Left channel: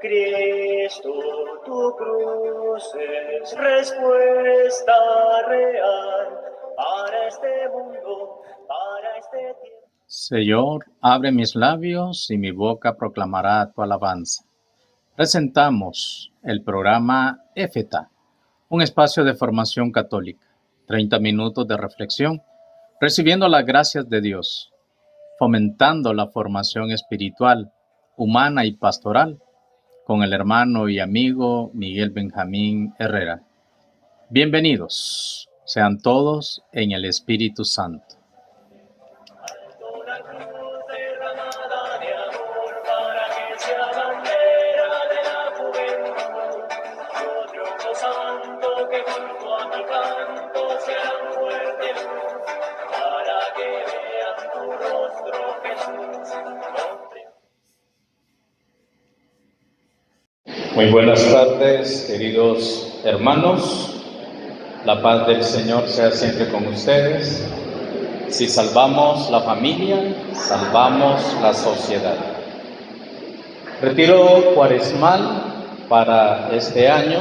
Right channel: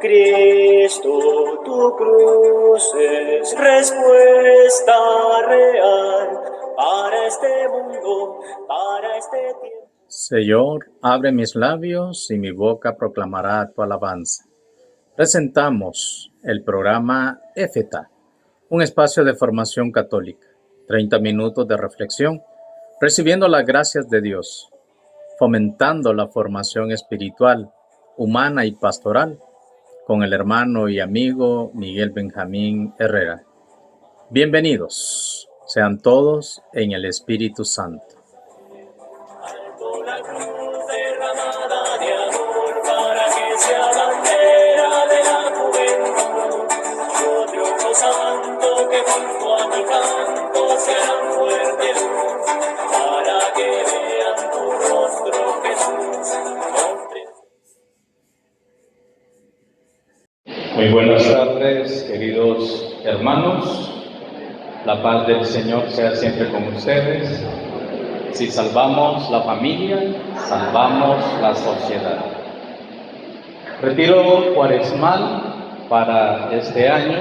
Cristo, tu cruz es respuesta real para este mundo, para este tiempo. Señor, abre mis labios y mi boca proclamará tu alabanza. Presentamos el programa Éfeta, un espacio de formación católica, 30 minutos de reflexión, recibiendo las gracias de Dios, fomentando la formación espiritual, humana y pastoral, con el hermano y amigo Miguel Benjamín Herrera. Bienvenidos sean todos en el Espíritu Santo. Muy buenas tardes, queridos hermanos. La paz del Señor sea siempre con ustedes. Si salvamos la familia, salvamos la sociedad. Retiro cuaresmal para este año.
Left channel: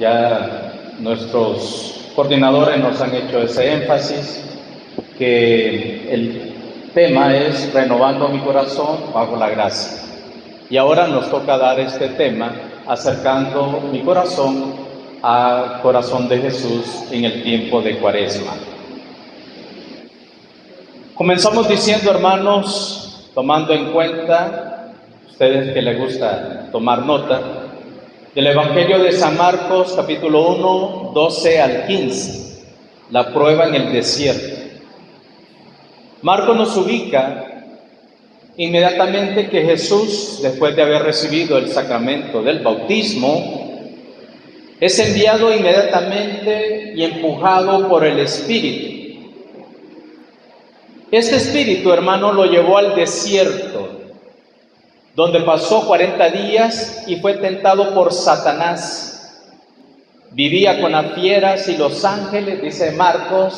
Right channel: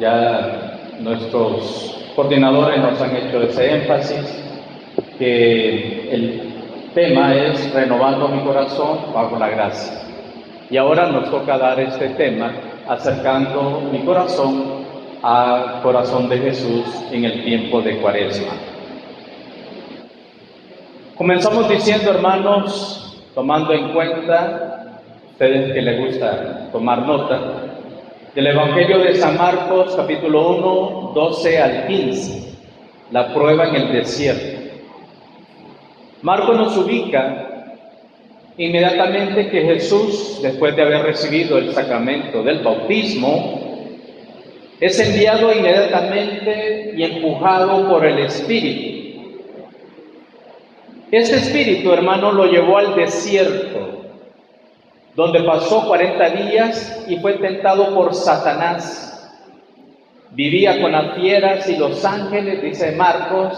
Ya nuestros coordinadores nos han hecho ese énfasis, que el tema es renovando mi corazón bajo la gracia. Y ahora nos toca dar este tema, acercando mi corazón al corazón de Jesús en el tiempo de Cuaresma. Comenzamos diciendo, hermanos, tomando en cuenta, ustedes que les gusta tomar nota, del Evangelio de San Marcos, capítulo 1, 12 al 15, la prueba en el desierto. Marcos nos ubica inmediatamente que Jesús, después de haber recibido el sacramento del bautismo, es enviado inmediatamente y empujado por el Espíritu. Este Espíritu, hermano, lo llevó al desierto, donde pasó 40 días y fue tentado por Satanás. Vivía con las fieras y los ángeles, dice Marcos,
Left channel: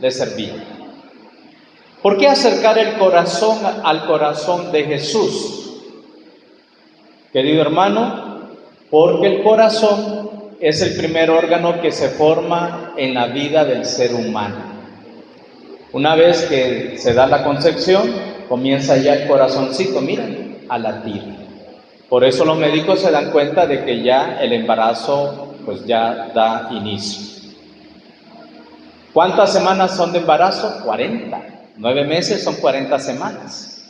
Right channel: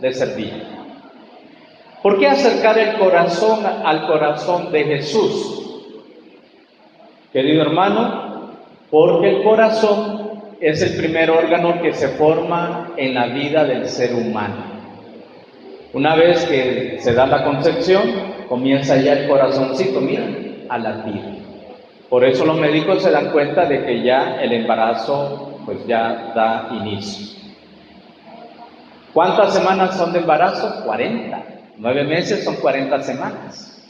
le servían. ¿Por qué acercar el corazón al corazón de Jesús? Querido hermano, porque el corazón es el primer órgano que se forma en la vida del ser humano. Una vez que se da la concepción, comienza ya el corazoncito, miren, a latir. Por eso los médicos se dan cuenta de que ya el embarazo pues ya da inicio. ¿Cuántas semanas son de embarazo? 40. 9 meses son 40 semanas.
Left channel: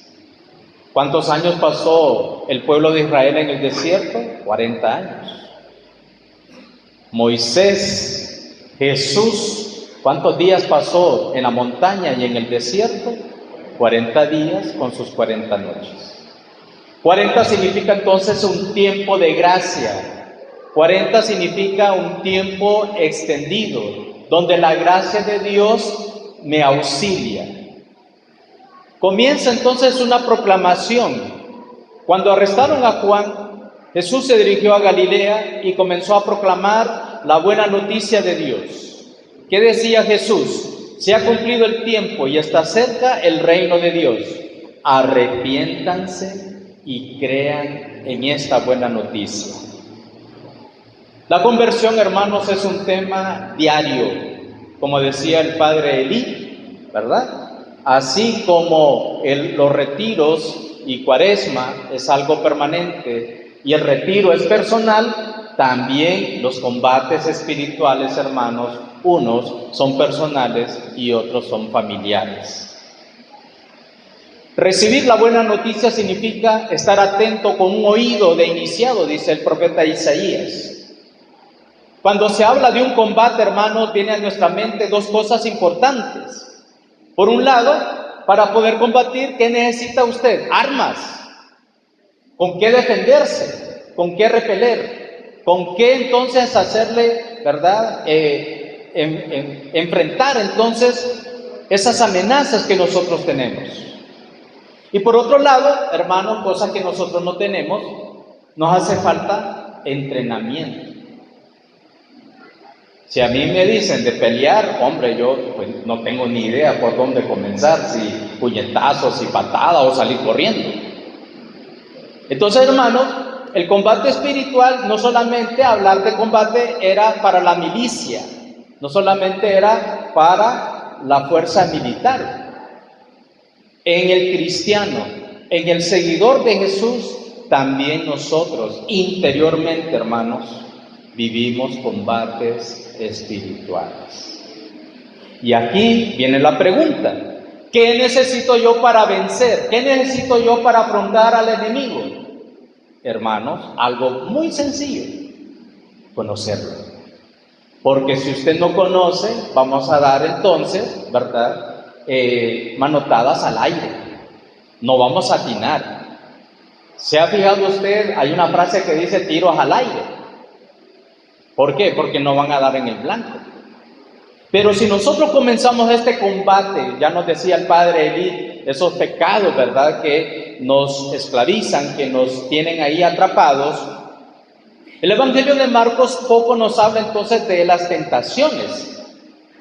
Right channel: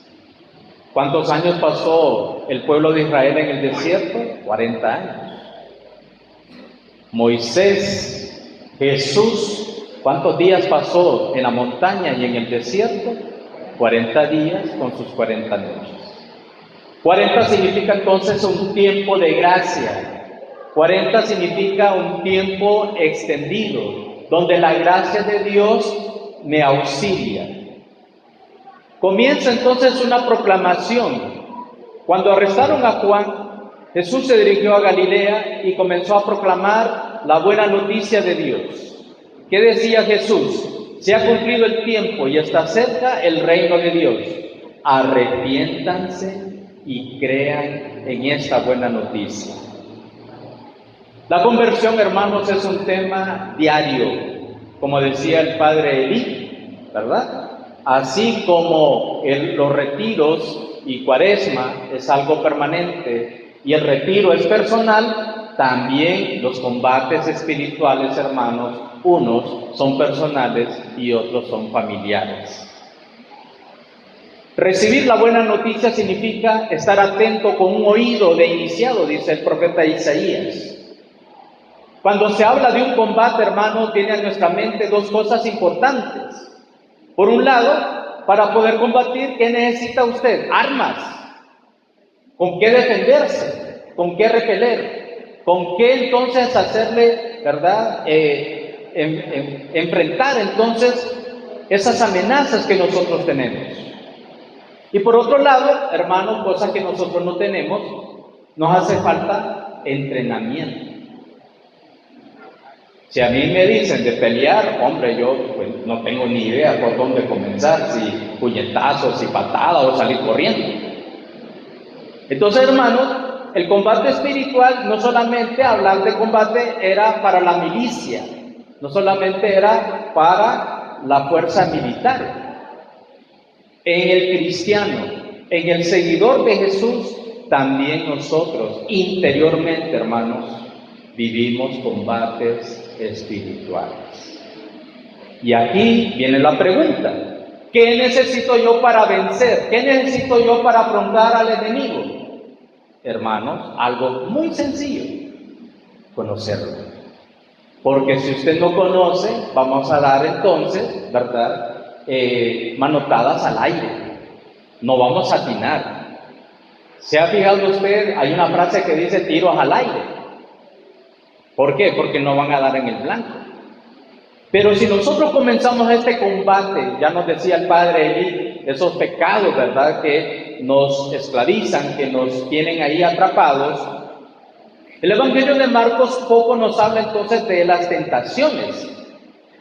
¿Cuántos años pasó el pueblo de Israel en el desierto? 40 años. Moisés, Jesús, ¿cuántos días pasó en la montaña y en el desierto? 40 días con sus 40 noches. 40 significa entonces un tiempo de gracia. 40 significa un tiempo extendido, donde la gracia de Dios me auxilia. Comienza entonces una proclamación. Cuando arrestaron a Juan, Jesús se dirigió a Galilea y comenzó a proclamar la buena noticia de Dios. ¿Qué decía Jesús? Se ha cumplido el tiempo y está cerca el reino de Dios. Arrepiéntanse y crean en esta buena noticia. La conversión, hermanos, es un tema diario, como decía el padre Elí, ¿verdad? Así como los retiros y Cuaresma es algo permanente y el retiro es personal, también los combates espirituales, hermanos, unos son personales y otros son familiares. Recibir la buena noticia significa estar atento con un oído de iniciado, dice el profeta Isaías. Cuando se habla de un combate, hermanos, viene a nuestra mente dos cosas importantes. Por un lado, para poder combatir, ¿qué necesita usted? Armas. ¿Con qué defenderse? ¿Con qué repeler? ¿Con qué entonces hacerle, verdad, enfrentar entonces esas amenazas que nosotros tenemos? Y por otro lado, hermanos, cosa que nosotros no tenemos, nos hace falta entrenamiento. Si a mí me dicen de pelear, hombre, yo pues, no tengo ni idea por dónde comenzar, si puñetazos, si patadas o salir corriendo. Entonces, hermanos, el combate espiritual, no solamente hablar de combate era para la milicia, no solamente era para la fuerza militar. En el cristiano, en el seguidor de Jesús, también nosotros interiormente, hermanos, vivimos combates espirituales. Y aquí viene la pregunta: ¿qué necesito yo para vencer? ¿Qué necesito yo para afrontar al enemigo? Hermanos, algo muy sencillo: conocerlo. Porque si usted no conoce, vamos a dar entonces, ¿verdad?, manotadas al aire. No vamos a atinar. ¿Se ha fijado usted? Hay una frase que dice tiros al aire. ¿Por qué? Porque no van a dar en el blanco. Pero si nosotros comenzamos este combate, ya nos decía el padre Eli, esos pecados, ¿verdad?, que nos esclavizan, que nos tienen ahí atrapados. El Evangelio de Marcos poco nos habla entonces de las tentaciones.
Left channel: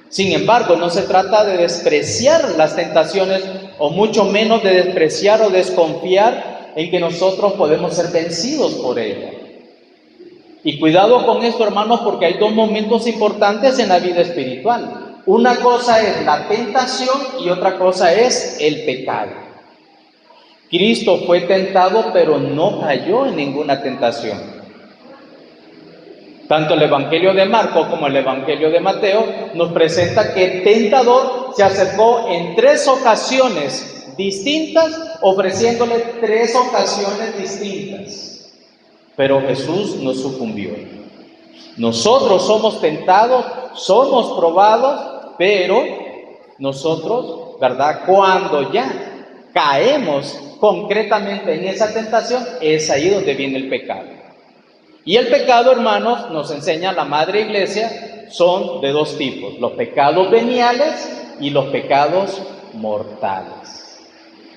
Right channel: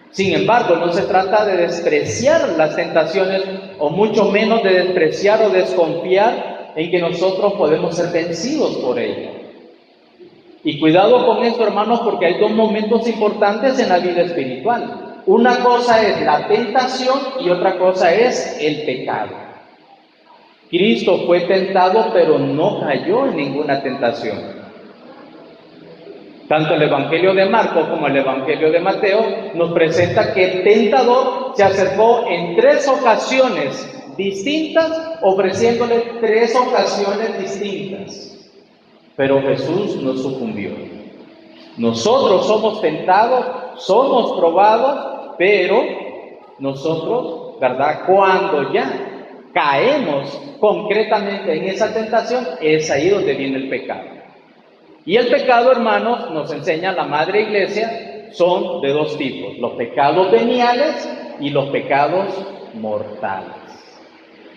Sin embargo, no se trata de despreciar las tentaciones, o mucho menos de despreciar o desconfiar en que nosotros podemos ser vencidos por ellas. Y cuidado con esto, hermanos, porque hay dos momentos importantes en la vida espiritual. Una cosa es la tentación y otra cosa es el pecado. Cristo fue tentado, pero no cayó en ninguna tentación. Tanto el Evangelio de Marcos como el Evangelio de Mateo nos presenta que el tentador se acercó en 3 ocasiones distintas, ofreciéndole 3 ocasiones distintas. Pero Jesús no sucumbió. Nosotros somos tentados, somos probados, pero nosotros, ¿verdad?, cuando ya caemos concretamente en esa tentación, es ahí donde viene el pecado. Y el pecado, hermanos, nos enseña la Madre Iglesia, son de 2 tipos: los pecados veniales y los pecados mortales.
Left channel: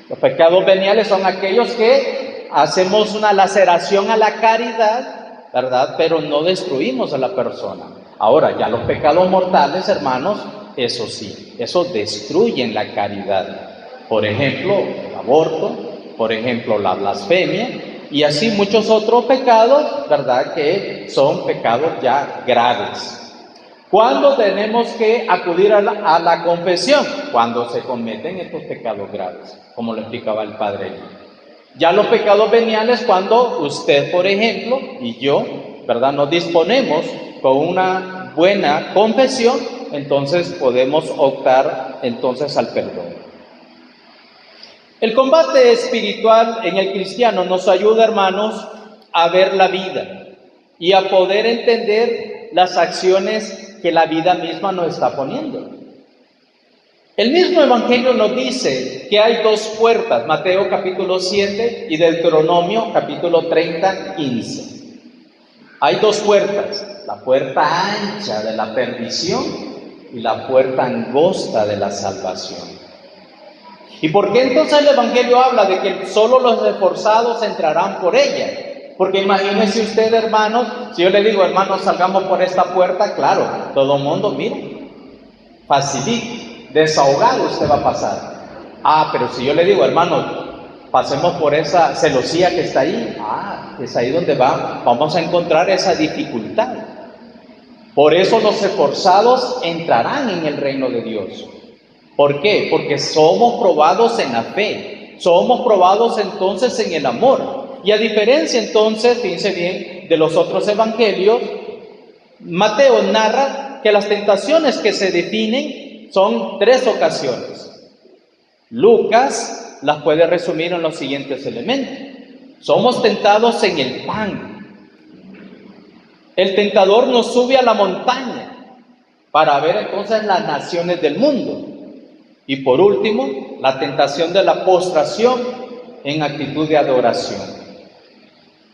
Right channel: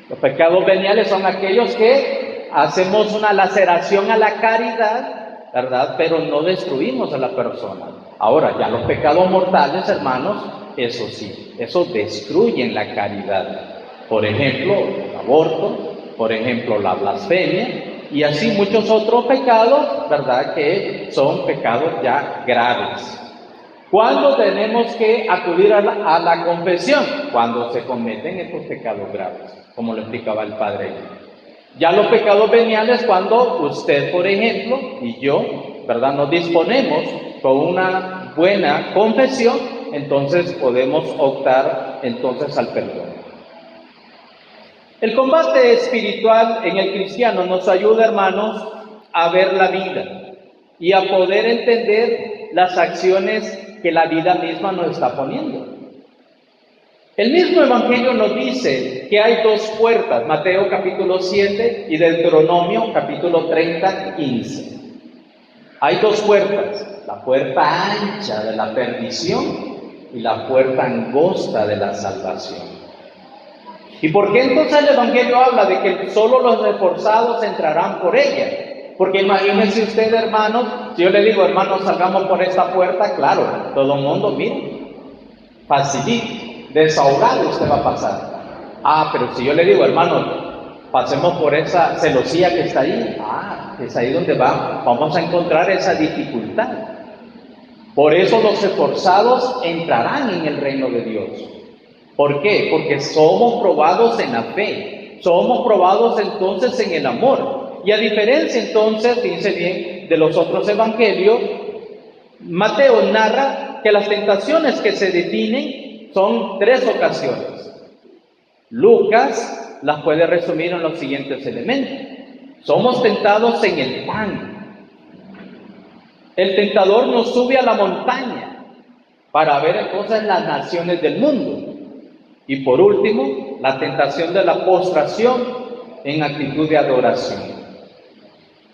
Los pecados veniales son aquellos que hacemos una laceración a la caridad, ¿verdad?, pero no destruimos a la persona. Ahora, ya los pecados mortales, hermanos, eso sí, eso destruyen la caridad. Por ejemplo, el aborto, por ejemplo, la blasfemia, y así muchos otros pecados, ¿verdad?, que son pecados ya graves. ¿Cuándo tenemos que acudir a la confesión? Cuando se cometen estos pecados graves, como lo explicaba el padre. Ya los pecados veniales, cuando usted, por ejemplo, y yo, ¿verdad?, nos disponemos con una buena confesión, entonces podemos optar entonces al perdón. El combate espiritual en el cristiano nos ayuda, hermanos, a ver la vida y a poder entender las acciones que la vida misma nos está poniendo. El mismo Evangelio nos dice que hay 2 puertas, Mateo capítulo 7 y Deuteronomio capítulo 30, 15. Hay 2 puertas, la puerta ancha de la perdición y la puerta angosta de la salvación. ¿Y por qué entonces el Evangelio habla de que solo los esforzados entrarán por ella? Porque imagínense usted, hermanos, si yo le digo: hermanos, salgamos por esta puerta, claro, todo el mundo, mire, facilito, desahogado usted va a pasar. Pero si yo le digo: hermanos, pasemos por esa celosía que está ahí, es ahí donde vamos a encontrar esa dificultad. Por eso los esforzados entrarán en el reino de Dios. ¿Por qué? Porque somos probados en la fe, somos probados entonces en el amor. Y a diferencia entonces, fíjense bien, de los otros evangelios, Mateo narra que las tentaciones que se definen son 3 ocasiones. Lucas las puede resumir en los siguientes elementos: somos tentados en el pan. El tentador nos sube a la montaña para ver entonces las naciones del mundo. Y por último, la tentación de la postración en actitud de adoración.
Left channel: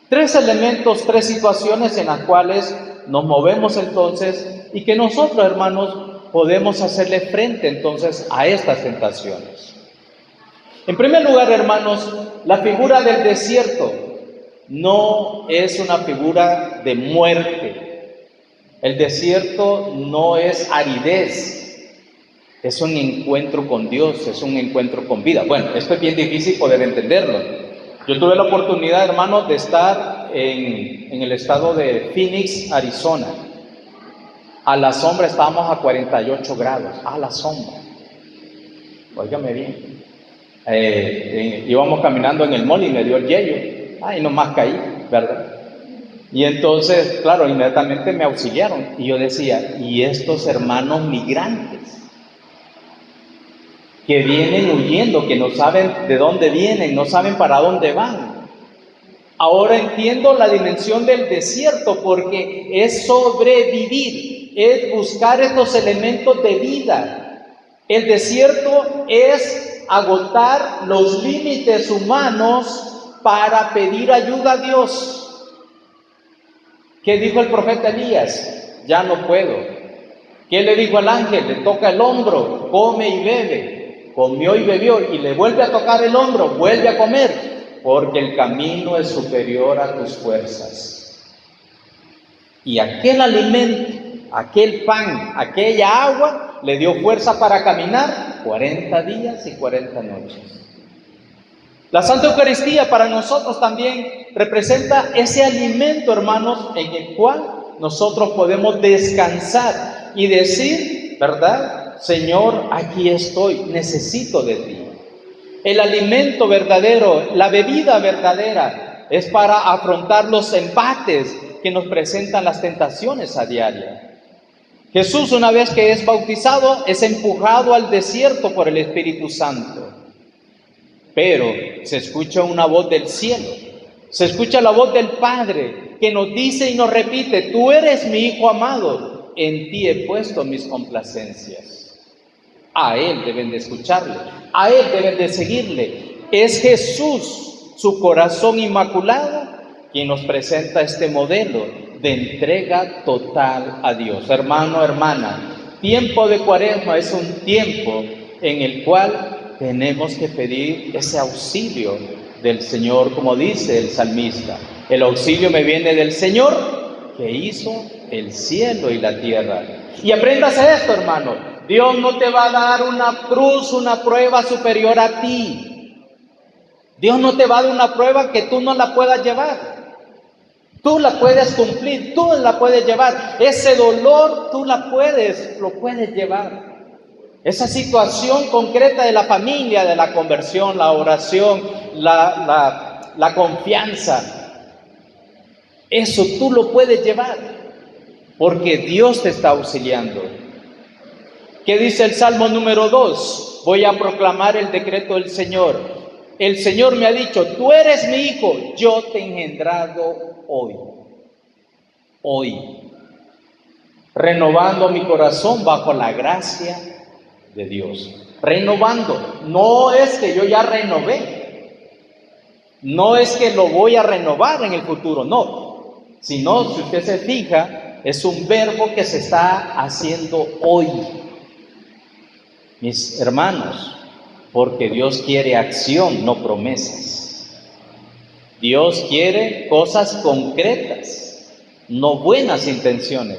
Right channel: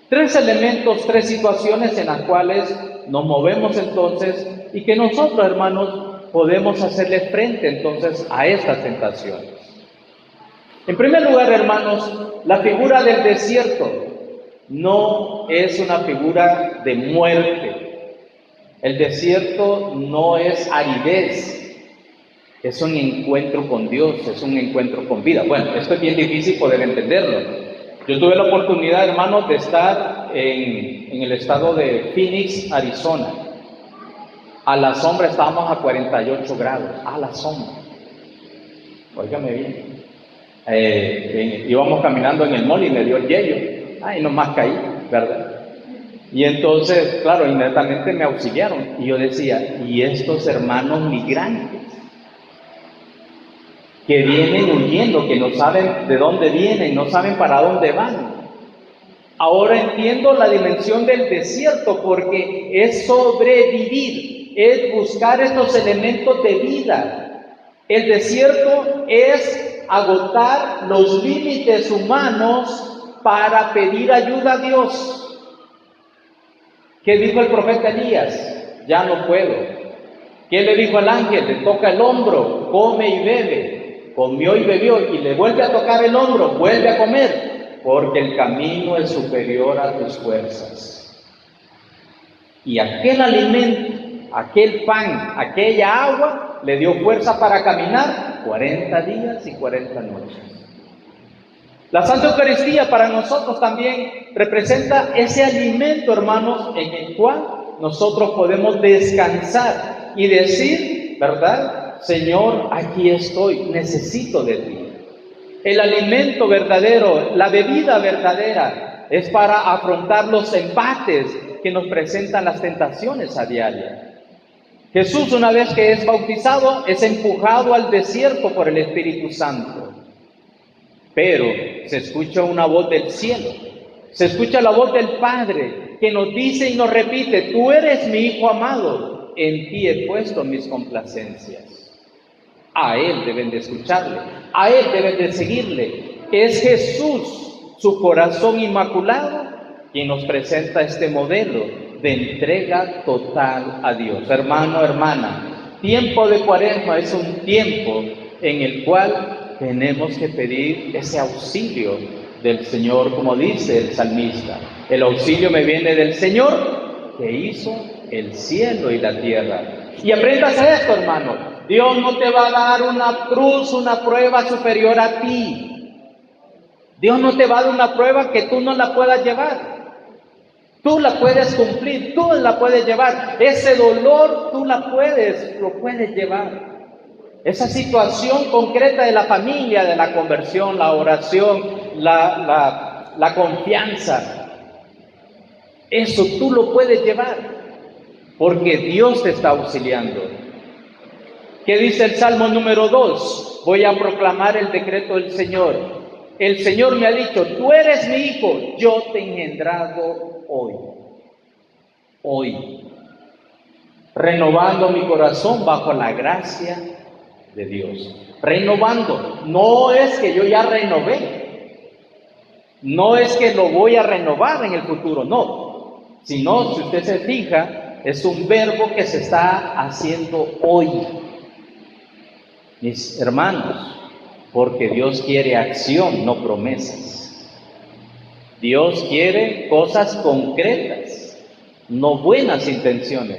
3 elementos, 3 situaciones en las cuales nos movemos entonces y que nosotros, hermanos, podemos hacerle frente entonces a estas tentaciones. En primer lugar, hermanos, la figura del desierto no es una figura de muerte. El desierto no es aridez. Es un encuentro con Dios, es un encuentro con vida. Bueno, esto es bien difícil poder entenderlo. Yo tuve la oportunidad, hermanos, de estar en el estado de Phoenix, Arizona. A la sombra estábamos a 48 grados, a la sombra. Óigame bien. Íbamos caminando en el mall y me dio el hielo. Y nomás caí, ¿verdad? Y entonces, claro, inmediatamente me auxiliaron. Y yo decía, ¿y estos hermanos migrantes que vienen huyendo, que no saben de dónde vienen, no saben para dónde van? Ahora entiendo la dimensión del desierto, porque es sobrevivir, es buscar estos elementos de vida. El desierto es agotar los límites humanos para pedir ayuda a Dios. ¿Qué dijo el profeta Elías? Ya no puedo. ¿Qué le dijo al ángel? Le toca el hombro, come y bebe. Comió y bebió y le vuelve a tocar el hombro, vuelve a comer, porque el camino es superior a tus fuerzas. Y aquel alimento, aquel pan, aquella agua, le dio fuerza para caminar 40 días y 40 noches. La Santa Eucaristía para nosotros también representa ese alimento, hermanos, en el cual nosotros podemos descansar y decir, ¿verdad? Señor, aquí estoy, necesito de ti. El alimento verdadero, la bebida verdadera, es para afrontar los embates que nos presentan las tentaciones a diario. Jesús, una vez que es bautizado, es empujado al desierto por el Espíritu Santo. Pero se escucha una voz del cielo, se escucha la voz del Padre que nos dice y nos repite, tú eres mi Hijo amado, en ti he puesto mis complacencias. A Él deben de escucharle, a Él deben de seguirle. Es Jesús, su corazón inmaculado, quien nos presenta este modelo de entrega total a Dios. Hermano, hermana, tiempo de Cuaresma es un tiempo en el cual tenemos que pedir ese auxilio del Señor, como dice el salmista. El auxilio me viene del Señor, que hizo el cielo y la tierra. Y apréndase esto, hermano. Dios no te va a dar una cruz, una prueba superior a ti. Puedes no te va a dar una prueba que tú no la puedas llevar. Tú la puedes cumplir, tú la puedes llevar. Ese dolor tú lo puedes llevar. Esa situación concreta de la familia, de la conversión, la oración, la confianza, eso tú lo puedes llevar, porque Dios te está auxiliando. ¿Qué dice el Salmo número 2? Voy a proclamar el decreto del Señor. El Señor me ha dicho, tú eres mi hijo, yo te he engendrado hoy. Hoy. Renovando mi corazón bajo la gracia de Dios. Renovando. No es que yo ya renové. No es que lo voy a renovar en el futuro, no. Sino, si usted se fija, es un verbo que se está haciendo hoy. Mis hermanos, porque Dios quiere acción, no promesas. Dios quiere cosas concretas, no buenas intenciones.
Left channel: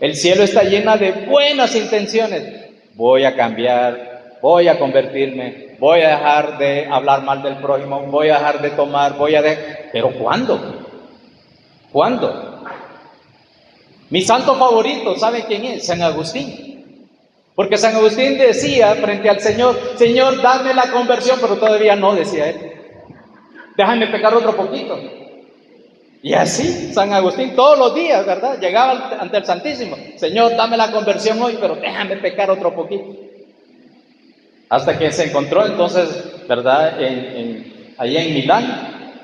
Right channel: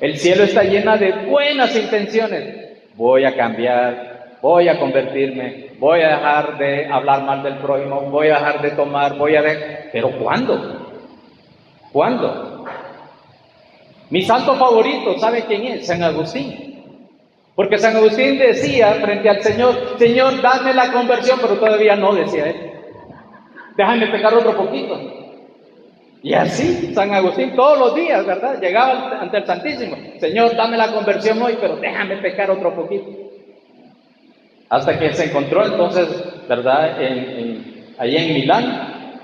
El cielo está lleno de buenas intenciones. Voy a cambiar, voy a convertirme, voy a dejar de hablar mal del prójimo, voy a dejar de tomar, ¿Pero cuándo? ¿Cuándo? Mi santo favorito, ¿sabe quién es? San Agustín. Porque San Agustín decía frente al Señor, Señor, dame la conversión, pero todavía no, decía él. Déjame pecar otro poquito. Y así, San Agustín todos los días, ¿verdad? Llegaba ante el Santísimo. Señor, dame la conversión hoy, pero déjame pecar otro poquito. Hasta que se encontró entonces, ¿verdad? Allá en Milán,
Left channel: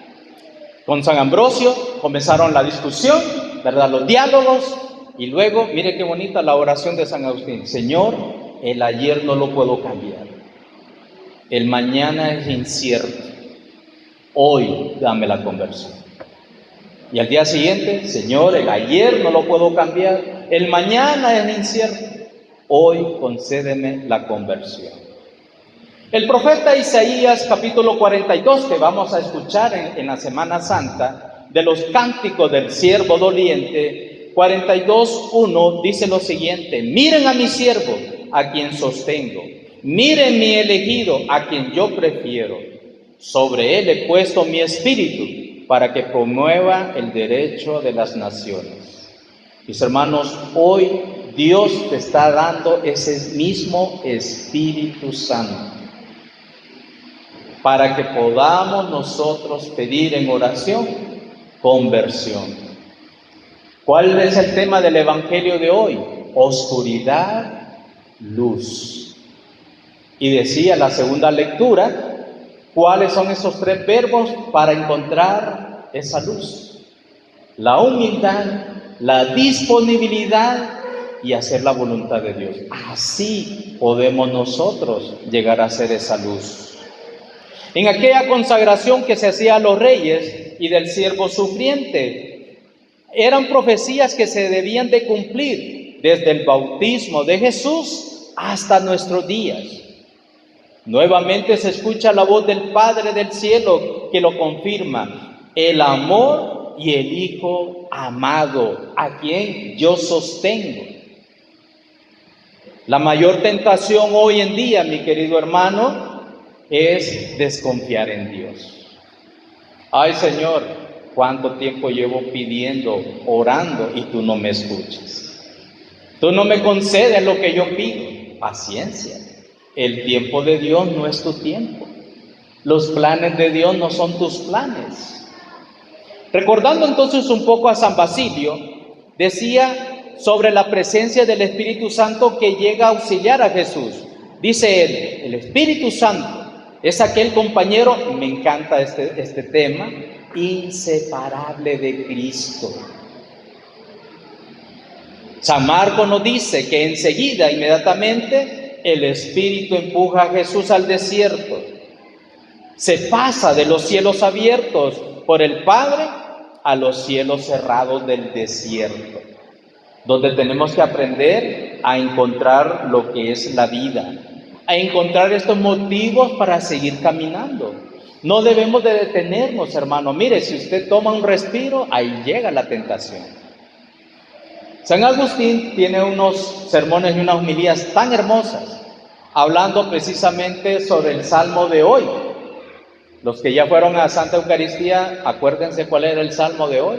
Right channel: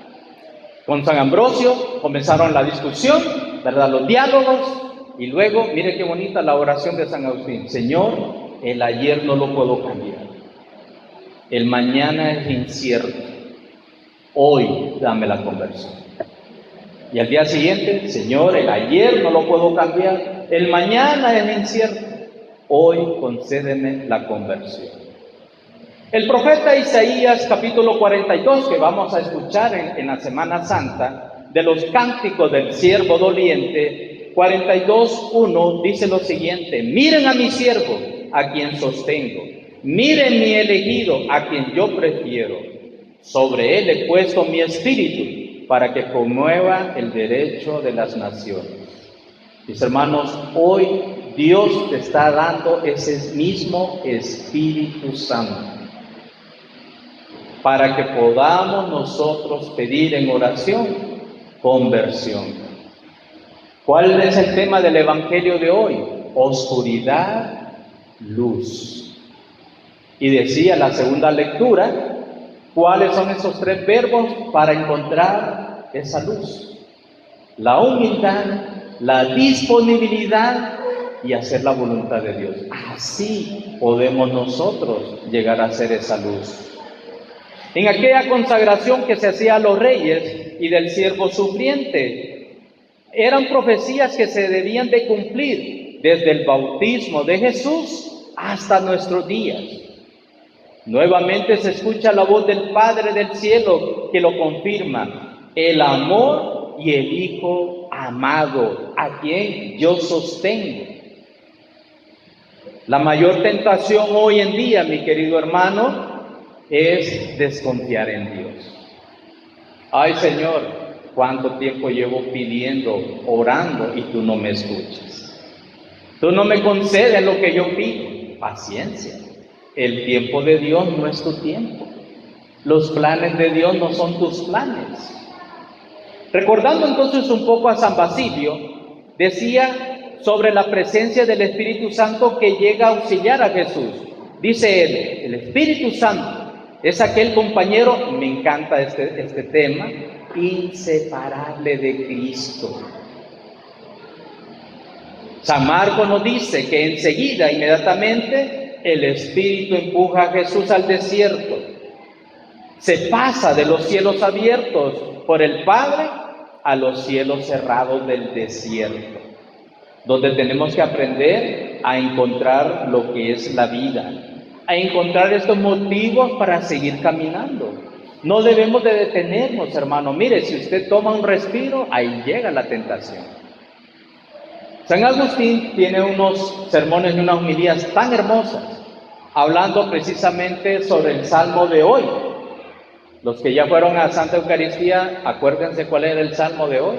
con San Ambrosio, comenzaron la discusión, ¿verdad? Los diálogos. Y luego, mire qué bonita la oración de San Agustín. Señor, el ayer no lo puedo cambiar. El mañana es incierto. Hoy dame la conversión. Y al día siguiente, Señor, el ayer no lo puedo cambiar. El mañana es incierto. Hoy concédeme la conversión. El profeta Isaías, capítulo 42, que vamos a escuchar en la Semana Santa, de los cánticos del siervo doliente, 42:1 dice lo siguiente: miren a mi siervo, a quien sostengo, miren mi elegido, a quien yo prefiero. Sobre él he puesto mi espíritu, para que promueva el derecho de las naciones. Mis hermanos, hoy Dios te está dando ese mismo Espíritu Santo para que podamos nosotros pedir en oración conversión. ¿Cuál es el tema del Evangelio de hoy? Oscuridad, luz. Y decía la segunda lectura, ¿cuáles son esos tres verbos para encontrar esa luz? La humildad, la disponibilidad y hacer la voluntad de Dios. Así podemos nosotros llegar a ser esa luz. En aquella consagración que se hacía a los reyes y del siervo sufriente, eran profecías que se debían de cumplir desde el bautismo de Jesús hasta nuestros días. Nuevamente se escucha la voz del Padre del cielo que lo confirma: el amor y el Hijo amado, a quien yo sostengo. La mayor tentación hoy en día, mi querido hermano, es desconfiar en Dios. Ay, Señor, ¿cuánto tiempo llevo pidiendo, orando y tú no me escuchas? Tú no me concedes lo que yo pido. Paciencia. El tiempo de Dios no es tu tiempo. Los planes de Dios no son tus planes. Recordando entonces un poco a San Basilio, decía sobre la presencia del Espíritu Santo que llega a auxiliar a Jesús. Dice él, el Espíritu Santo es aquel compañero, me encanta este tema, inseparable de Cristo. San Marcos nos dice que enseguida, inmediatamente, el Espíritu empuja a Jesús al desierto. Se pasa de los cielos abiertos por el Padre a los cielos cerrados del desierto, donde tenemos que aprender a encontrar lo que es la vida, a encontrar estos motivos para seguir caminando. No debemos de detenernos, hermano. Mire, si usted toma un respiro, ahí llega la tentación. San Agustín tiene unos sermones y unas homilías tan hermosas, hablando precisamente sobre el Salmo de hoy. Los que ya fueron a Santa Eucaristía, acuérdense cuál era el Salmo de hoy.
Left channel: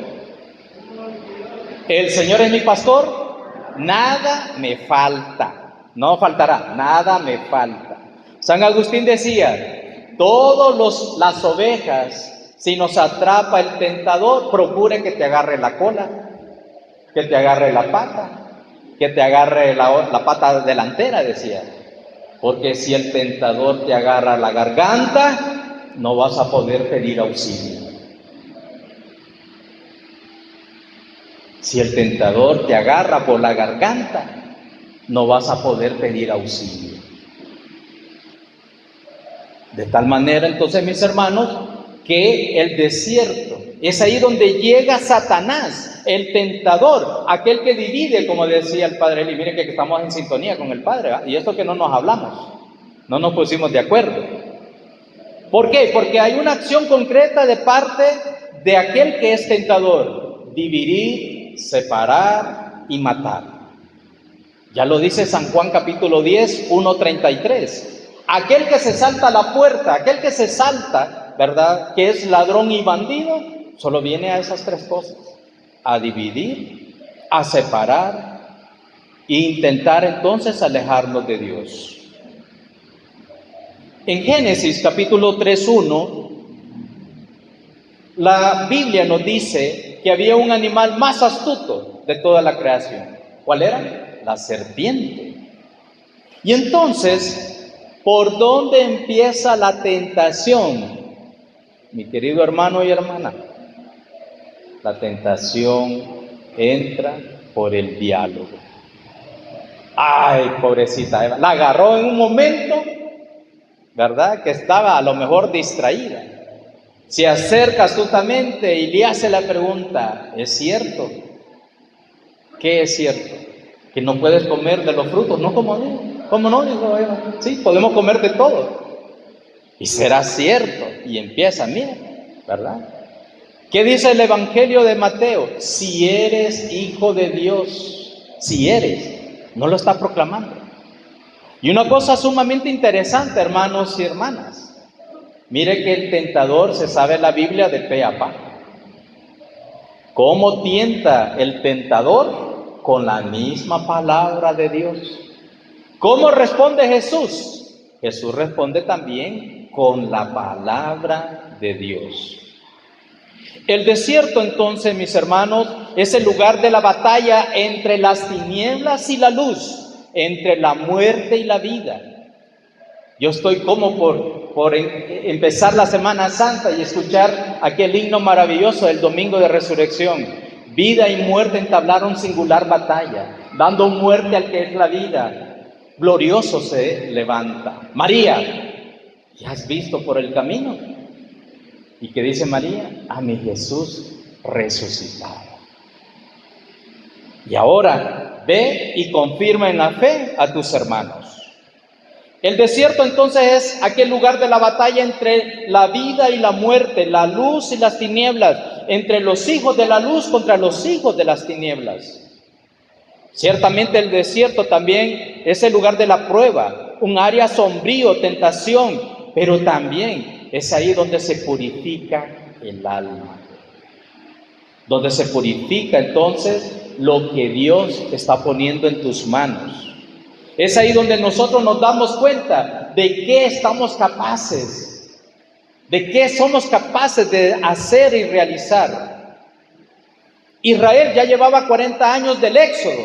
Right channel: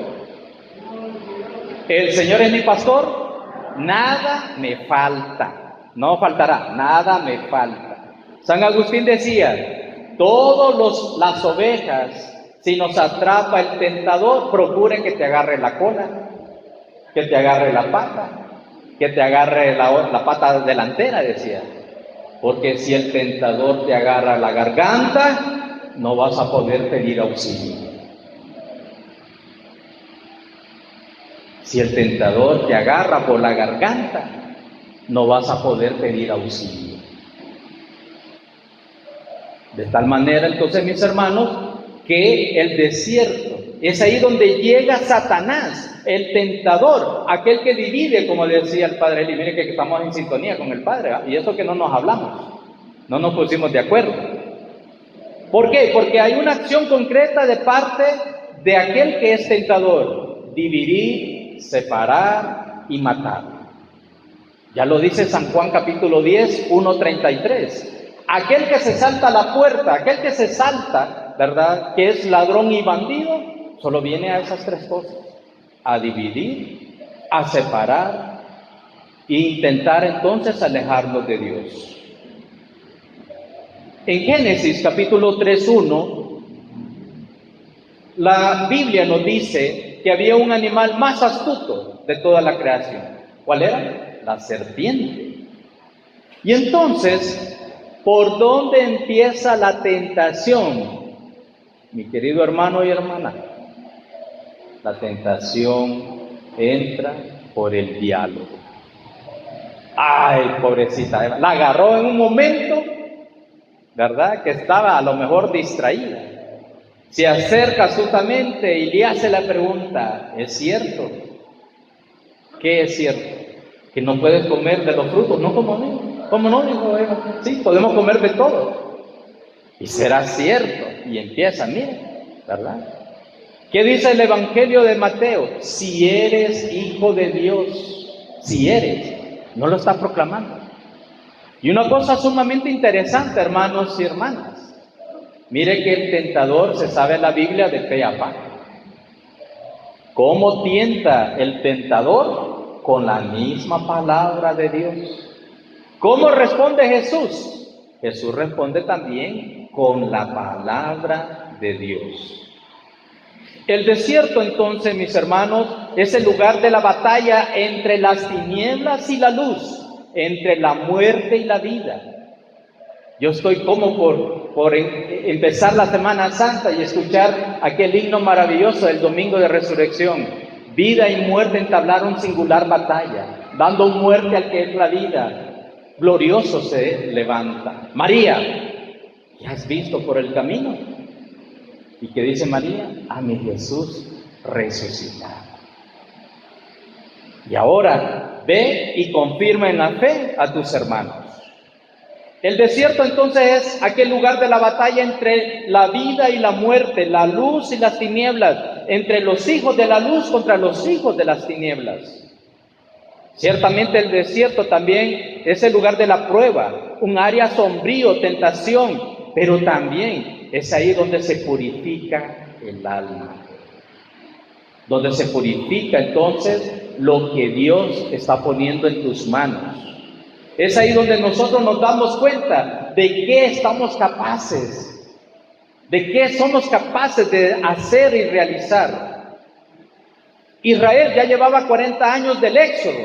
El Señor es mi pastor, nada me falta. No faltará, nada me falta. San Agustín decía, todas las ovejas, si nos atrapa el tentador, procura que te agarre la cola, que te agarre la pata, que te agarre la pata delantera, decía. Porque si el tentador te agarra la garganta, no vas a poder pedir auxilio. Si el tentador te agarra por la garganta, no vas a poder pedir auxilio. De tal manera, entonces, mis hermanos, que el desierto es ahí donde llega Satanás, el tentador, aquel que divide, como decía el Padre Eli. Miren que estamos en sintonía con el Padre, ¿verdad? Y esto que no nos hablamos, no nos pusimos de acuerdo. ¿Por qué? Porque hay una acción concreta de parte de aquel que es tentador: dividir, separar y matar. Ya lo dice San Juan capítulo 10, 1:33. Aquel que se salta a la puerta, aquel que se salta, ¿verdad?, que es ladrón y bandido, solo viene a esas tres cosas: a dividir, a separar e intentar entonces alejarnos de Dios. En Génesis capítulo 3:1, la Biblia nos dice que había un animal más astuto de toda la creación. ¿Cuál era? La serpiente. Y entonces, ¿por dónde empieza la tentación, mi querido hermano y hermana? La tentación entra por el diálogo. Ay, pobrecita Eva, la agarró en un momento, ¿verdad?, que estaba a lo mejor distraída. Se acerca astutamente y le hace la pregunta: ¿es cierto? ¿Qué es cierto? Que no puedes comer de los frutos. No, ¿cómo no? ¿Cómo no? Dijo Eva. Sí, podemos comer de todo. Y será cierto. Y empieza, miren, ¿verdad? ¿Qué dice el Evangelio de Mateo? Si eres hijo de Dios, si eres, no lo está proclamando. Y una cosa sumamente interesante, hermanos y hermanas. Mire que el tentador se sabe la Biblia de pe a pa. ¿Cómo tienta el tentador? Con la misma palabra de Dios. ¿Cómo responde Jesús? Jesús responde también con la palabra de Dios. El desierto, entonces, mis hermanos, es el lugar de la batalla entre las tinieblas y la luz, entre la muerte y la vida. Yo estoy como por empezar la Semana Santa y escuchar aquel himno maravilloso del Domingo de Resurrección. Vida y muerte entablaron singular batalla, dando muerte al que es la vida. Glorioso se levanta. María, ¿qué has visto por el camino? ¿Y qué dice María? A mi Jesús resucitado. Y ahora ve y confirma en la fe a tus hermanos. El desierto entonces es aquel lugar de la batalla entre la vida y la muerte, la luz y las tinieblas, entre los hijos de la luz contra los hijos de las tinieblas. Ciertamente el desierto también es el lugar de la prueba, un área sombrío, tentación, pero también es ahí donde se purifica el alma, donde se purifica entonces lo que Dios está poniendo en tus manos. Es ahí donde nosotros nos damos cuenta de qué estamos capaces, de qué somos capaces de hacer y realizar. Israel ya llevaba 40 años del éxodo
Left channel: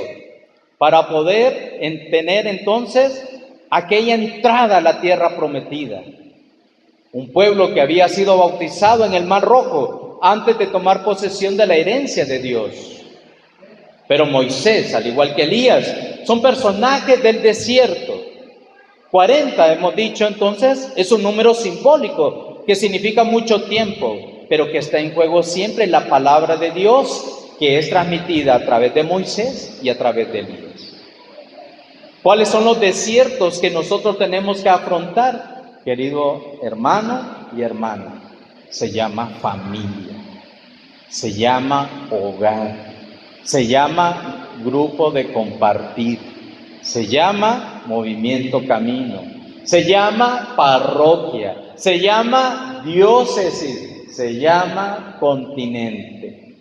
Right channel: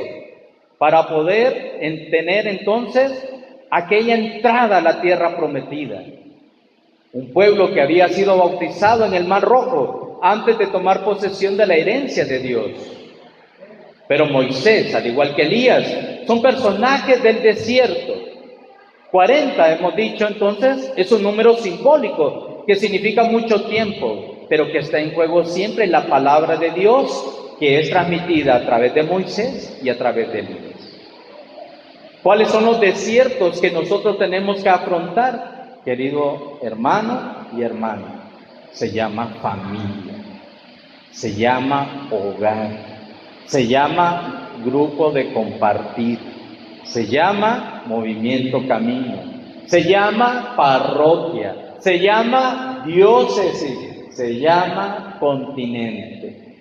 para poder tener entonces aquella entrada a la tierra prometida. Un pueblo que había sido bautizado en el Mar Rojo antes de tomar posesión de la herencia de Dios. Pero Moisés, al igual que Elías, son personajes del desierto. 40, hemos dicho entonces, es un número simbólico que significa mucho tiempo, pero que está en juego siempre la palabra de Dios, que es transmitida a través de Moisés y a través de Elías. ¿Cuáles son los desiertos que nosotros tenemos que afrontar, querido hermano y hermana? Se llama familia, se llama hogar, se llama grupo de compartir, se llama movimiento camino, se llama parroquia, se llama diócesis, se llama continente.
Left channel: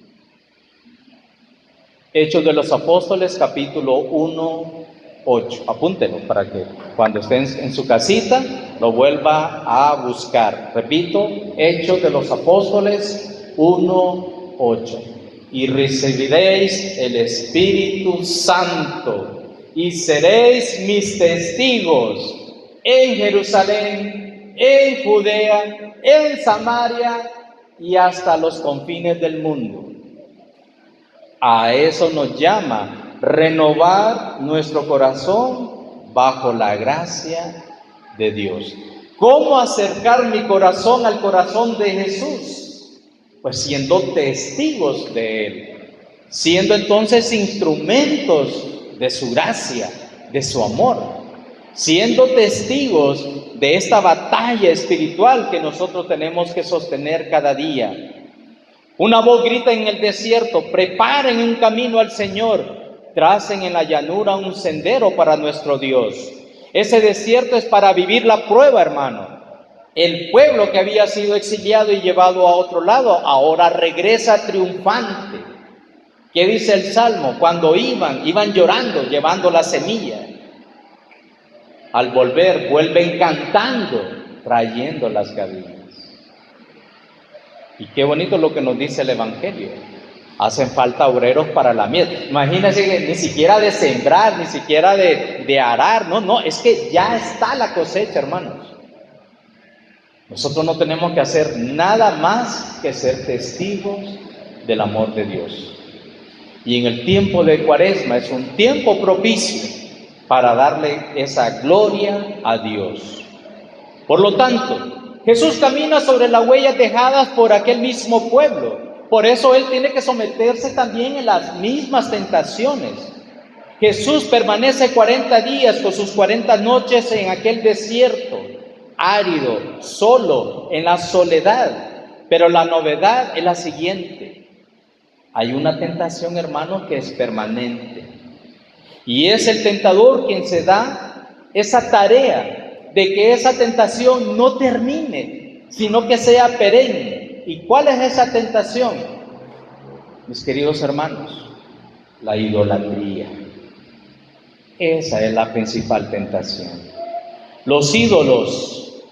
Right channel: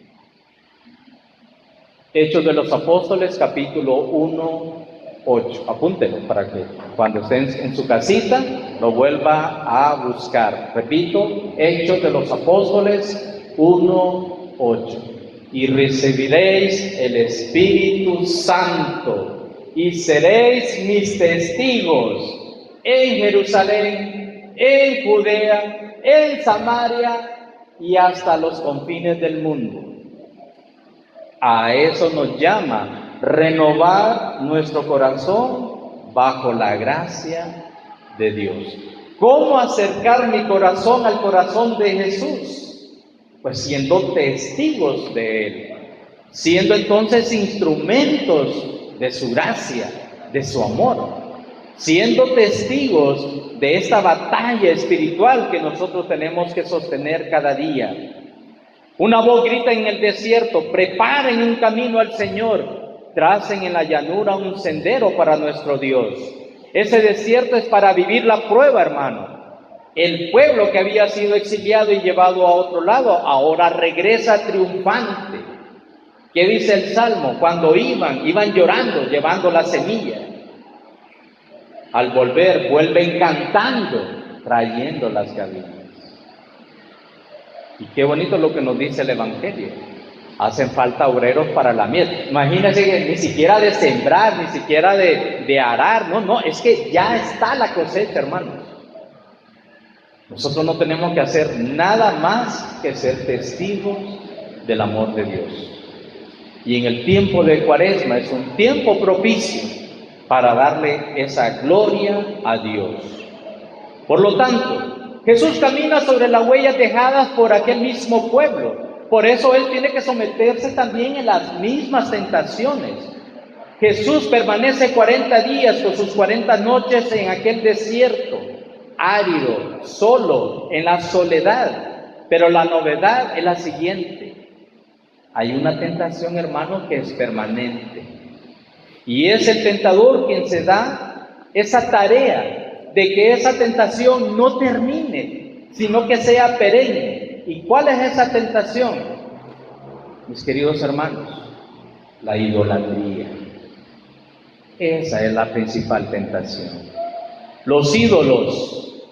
Hechos de los Apóstoles, capítulo 1, 8. Apúntenlo para que cuando estén en su casita lo vuelva a buscar. Repito, Hechos de los Apóstoles 1, 8. Y recibiréis el Espíritu Santo y seréis mis testigos en Jerusalén, en Judea, en Samaria y hasta los confines del mundo. A eso nos llama renovar nuestro corazón bajo la gracia de Dios. ¿Cómo acercar mi corazón al corazón de Jesús? Pues siendo testigos de Él, siendo entonces instrumentos de su gracia, de su amor, siendo testigos de esta batalla espiritual que nosotros tenemos que sostener cada día. Una voz grita en el desierto: preparen un camino al Señor, tracen en la llanura un sendero para nuestro Dios. Ese desierto es para vivir la prueba, hermano. El pueblo que había sido exiliado y llevado a otro lado, ahora regresa triunfante. ¿Qué dice el Salmo? Cuando iban llorando, llevando la semilla. Al volver, vuelven cantando, trayendo las gavillas. Y qué bonito lo que nos dice el Evangelio. Hacen falta obreros para la mies. Imagínense que ni siquiera de sembrar, ni siquiera de arar. No, es que ya está la cosecha, hermanos. Nosotros no tenemos que hacer nada más que ser testigos del amor de Dios. Y en el tiempo de Cuaresma es un tiempo propicio para darle esa gloria a Dios. Por lo tanto, Jesús camina sobre las huellas dejadas por aquel mismo pueblo. Por eso Él tiene que someterse también en las mismas tentaciones. Jesús permanece 40 días con sus 40 noches en aquel desierto árido, solo, en la soledad. Pero la novedad es la siguiente: hay una tentación, hermano, que es permanente, y es el tentador quien se da esa tarea de que esa tentación no termine, sino que sea perenne. ¿Y cuál es esa tentación? mis queridos hermanos, la idolatría. Esa es la principal tentación. Los ídolos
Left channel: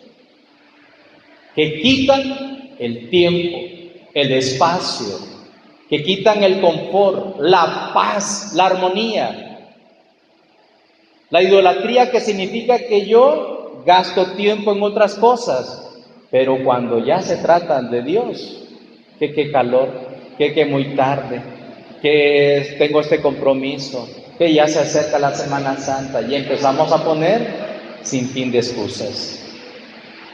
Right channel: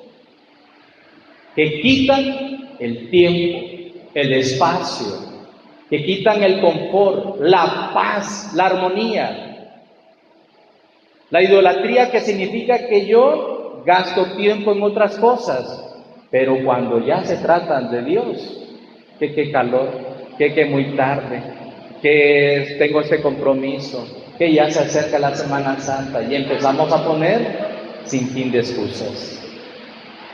que quitan el tiempo, el espacio, que quitan el confort, la paz, la armonía. La idolatría, que significa que yo gasto tiempo en otras cosas, pero cuando ya se trata de Dios, que qué calor, que muy tarde, que tengo este compromiso, que ya se acerca la Semana Santa y empezamos a poner sin fin de excusas.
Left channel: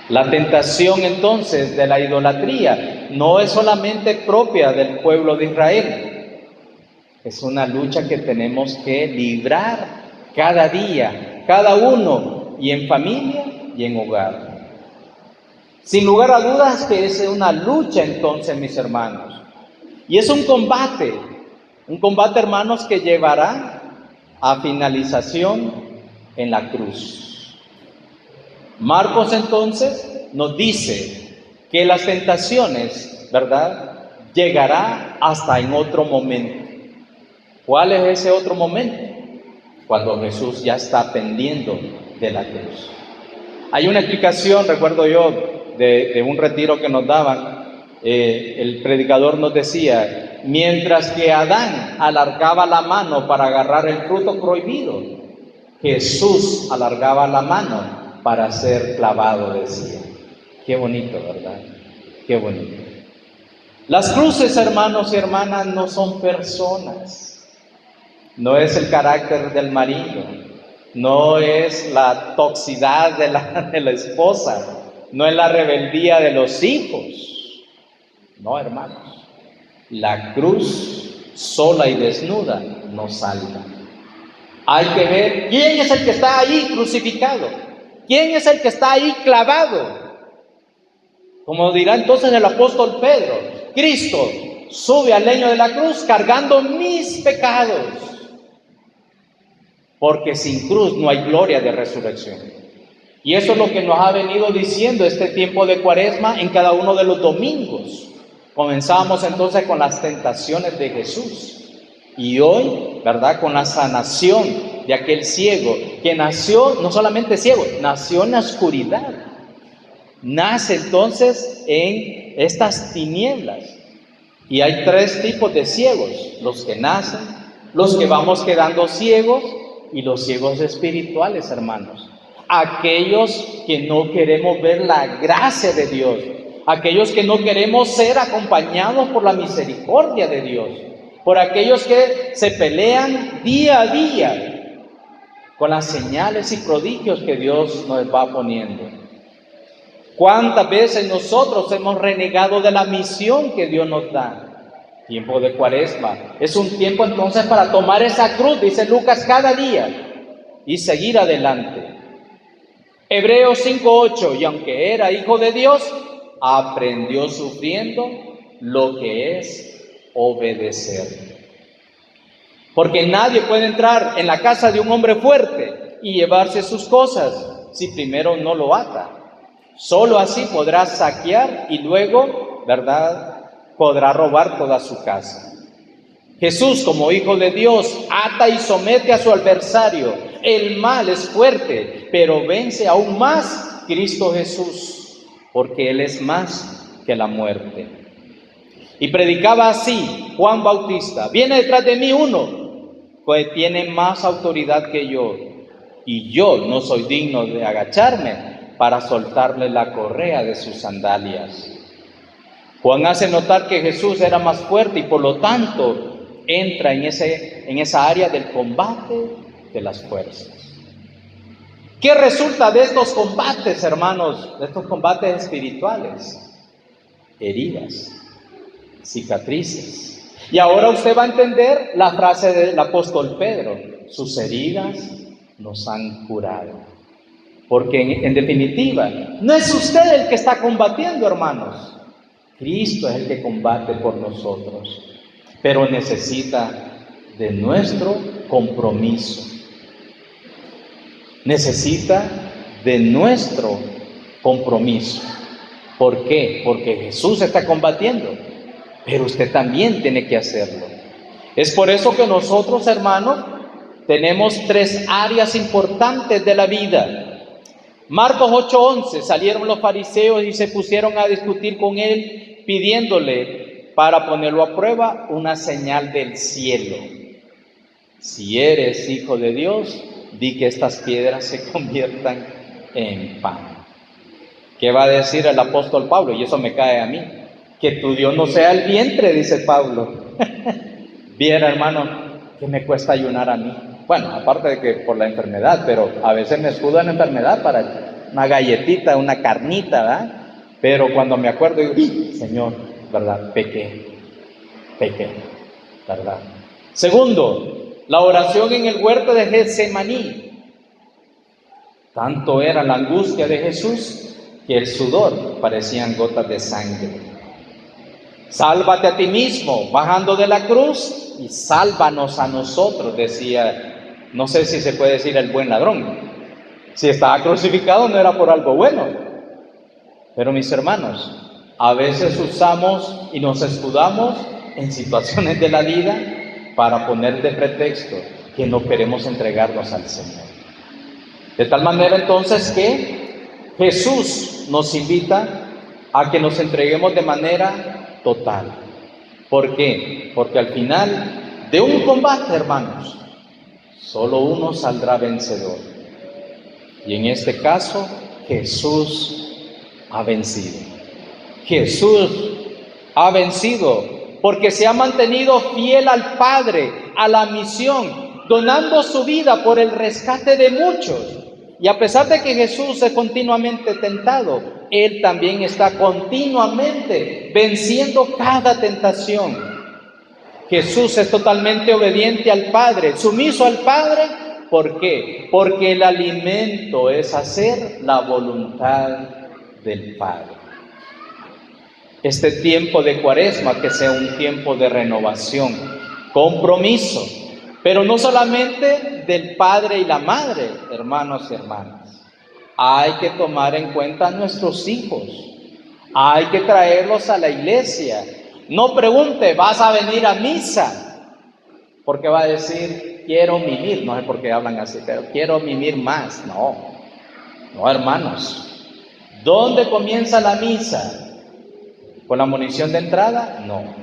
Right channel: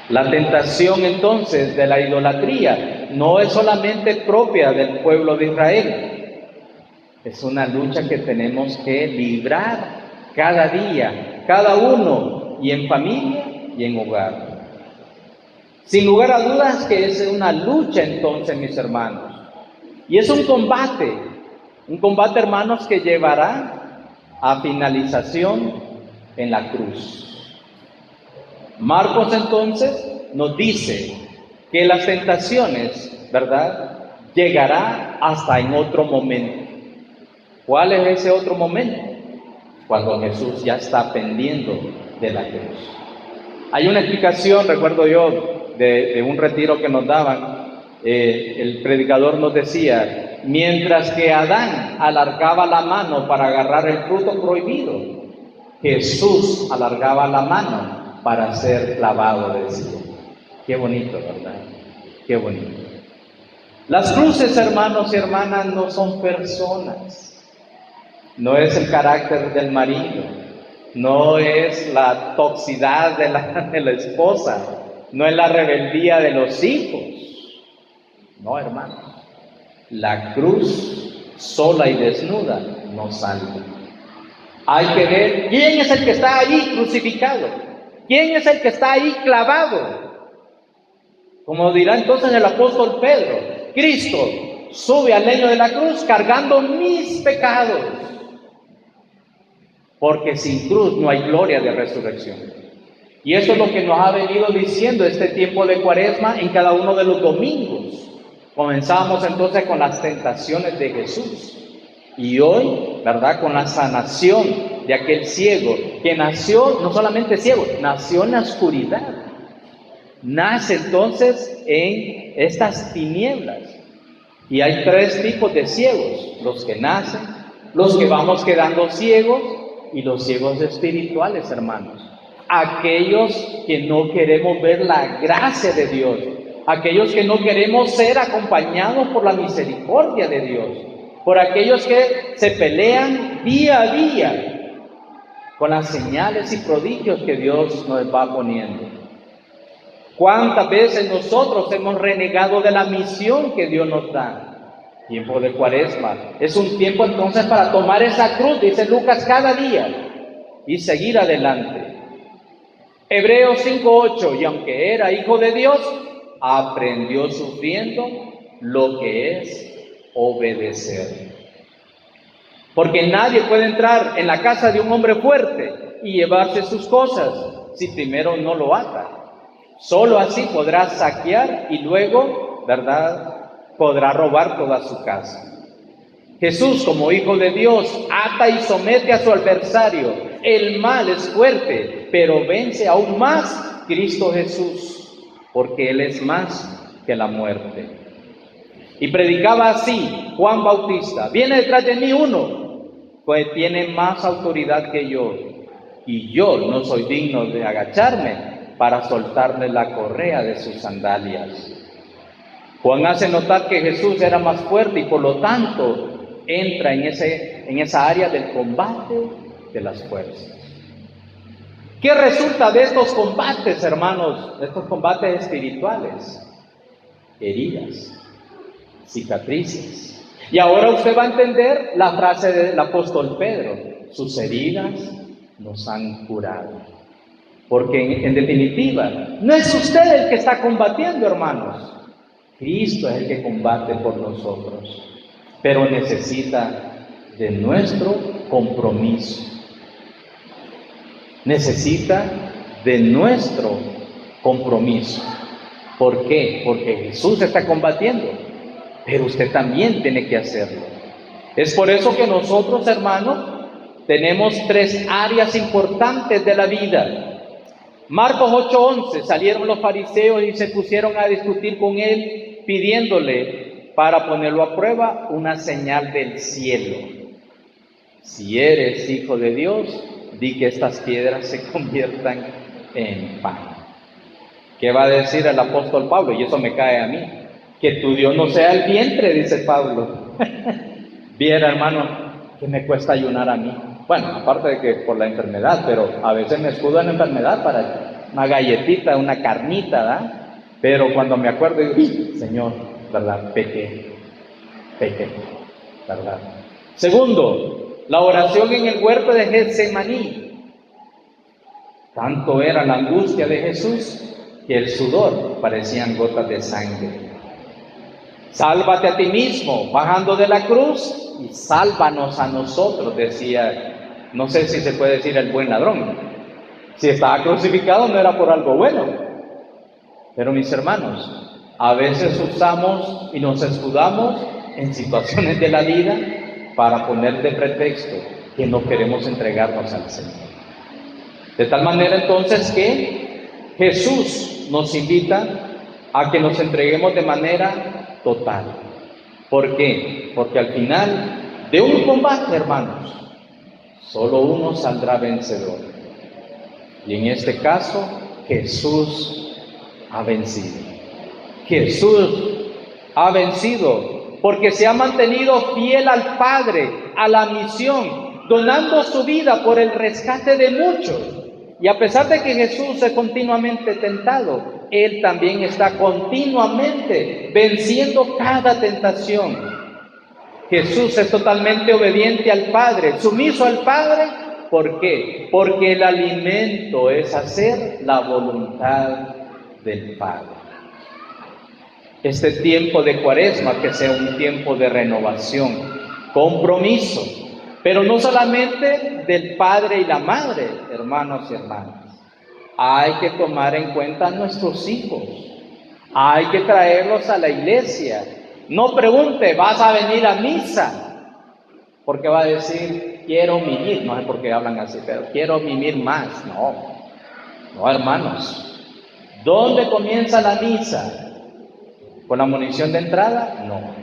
La tentación entonces de la idolatría no es solamente propia del pueblo de Israel, es una lucha que tenemos que librar cada día, cada uno, y en familia y en hogar. Sin lugar a dudas que es una lucha entonces, mis hermanos, y es un combate, hermanos, que llevará a finalización en la cruz. Marcos entonces nos dice que las tentaciones, ¿verdad?, llegará hasta en otro momento. ¿Cuál es ese otro momento? Cuando Jesús ya está pendiendo de la cruz. Hay una explicación, recuerdo yo, de un retiro que nos daban. El predicador nos decía: mientras que Adán alargaba la mano para agarrar el fruto prohibido, Jesús alargaba la mano para ser clavado, decía. Qué bonito, ¿verdad? Qué bonito. Las cruces, hermanos y hermanas, no son personas. No es el carácter del marido, no es la toxicidad de la esposa, no es la rebeldía de los hijos. No, hermanos, la cruz sola y desnuda nos salva. Hay que ver quién es el que está ahí crucificado, quién es el que está ahí clavado. Como dirá entonces el apóstol Pedro: Cristo sube al leño de la cruz cargando mis pecados. Porque sin cruz no hay gloria de resurrección. Y eso es lo que nos ha venido diciendo este tiempo de Cuaresma en cada uno de los domingos. Comenzamos entonces con las tentaciones de Jesús. Y hoy, ¿verdad?, con la sanación de aquel ciego que nació, no solamente ciego, nació en la oscuridad. Nace entonces en estas tinieblas. Y hay tres tipos de ciegos: los que nacen, los que vamos quedando ciegos, y los ciegos espirituales, hermanos. Aquellos que no queremos ver la gracia de Dios, aquellos que no queremos ser acompañados por la misericordia de Dios, por aquellos que se pelean día a día con las señales y prodigios que Dios nos va poniendo. ¿Cuántas veces nosotros hemos renegado de la misión que Dios nos da? Tiempo de Cuaresma es un tiempo entonces para tomar esa cruz, dice Lucas, cada día y seguir adelante. Hebreos 5:8: y aunque era hijo de Dios, aprendió sufriendo lo que es obedecer. Porque nadie puede entrar en la casa de un hombre fuerte y llevarse sus cosas si primero no lo ata. Solo así podrá saquear y luego, ¿verdad?, podrá robar toda su casa. Jesús, como Hijo de Dios, ata y somete a su adversario. El mal es fuerte, pero vence aún más Cristo Jesús, porque Él es más que la muerte. Y predicaba así Juan Bautista: viene detrás de mí uno que tiene más autoridad que yo, y yo no soy digno de agacharme para soltarle la correa de sus sandalias. Juan hace notar que Jesús era más fuerte y por lo tanto entra en esa área del combate de las fuerzas. ¿Qué resulta de estos combates, hermanos? De estos combates espirituales: heridas, cicatrices. Y ahora usted va a entender la frase del apóstol Pedro: sus heridas nos han curado. Porque en definitiva, no es usted el que está combatiendo, hermanos. Cristo es el que combate por nosotros, pero necesita de nuestro compromiso. Necesita de nuestro compromiso. ¿Por qué? Porque Jesús está combatiendo, pero usted también tiene que hacerlo. Es por eso que nosotros, hermanos, tenemos 3 áreas importantes de la vida. Marcos 8:11, salieron los fariseos y se pusieron a discutir con él, pidiéndole para ponerlo a prueba una señal del cielo. Si eres hijo de Dios, di que estas piedras se conviertan en pan. ¿Qué va a decir el apóstol Pablo? Y eso me cae a mí. Que tu Dios no sea el vientre, dice Pablo. Viera, hermano, que me cuesta ayunar a mí. Bueno, aparte de que por la enfermedad, pero a veces me escudo en la enfermedad para una galletita, una carnita, ¿verdad? Pero cuando me acuerdo, digo, Señor, ¿verdad? Pequé, ¿verdad? Segundo, la oración en el huerto de Getsemaní. Tanto era la angustia de Jesús que el sudor parecían gotas de sangre. Sálvate a ti mismo, bajando de la cruz, y sálvanos a nosotros, decía, no sé si se puede decir el buen ladrón. Si estaba crucificado no era por algo bueno. Pero mis hermanos, a veces usamos y nos escudamos en situaciones de la vida para poner de pretexto que no queremos entregarnos al Señor. De tal manera entonces que Jesús nos invita a que nos entreguemos de manera total. ¿Por qué? Porque al final de un combate, hermanos, solo uno saldrá vencedor. Y en este caso, Jesús ha vencido. Jesús ha vencido porque se ha mantenido fiel al Padre, a la misión, donando su vida por el rescate de muchos. Y a pesar de que Jesús es continuamente tentado, Él también está continuamente venciendo cada tentación. Jesús es totalmente obediente al Padre, sumiso al Padre. ¿Por qué? Porque el alimento es hacer la voluntad del Padre. Este tiempo de Cuaresma, que sea un tiempo de renovación, compromiso, pero no solamente del padre y la madre, hermanos y hermanas. Hay que tomar en cuenta a nuestros hijos, hay que traerlos a la iglesia. No pregunte, ¿vas a venir a misa? Porque va a decir, quiero mimir, no sé por qué hablan así, pero quiero mimir más. No, hermanos. ¿Dónde comienza la misa? ¿Con la munición de entrada? No.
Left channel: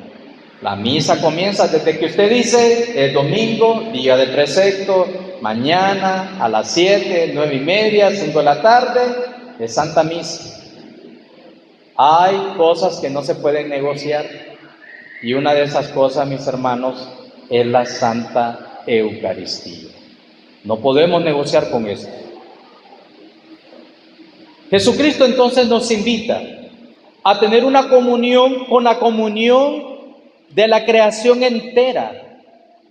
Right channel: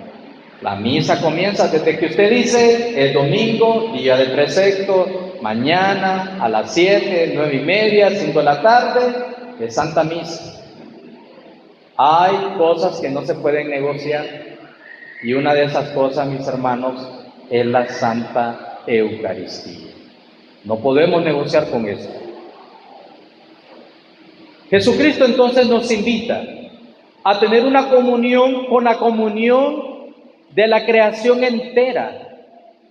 La misa comienza desde que usted dice, es domingo, día de precepto, mañana a las 7, 9:30, 5 de la tarde, es Santa Misa. Hay cosas que no se pueden negociar, y una de esas cosas, mis hermanos, es la Santa Eucaristía. No podemos negociar con eso. Jesucristo entonces nos invita a tener una comunión con la comunión de la creación entera.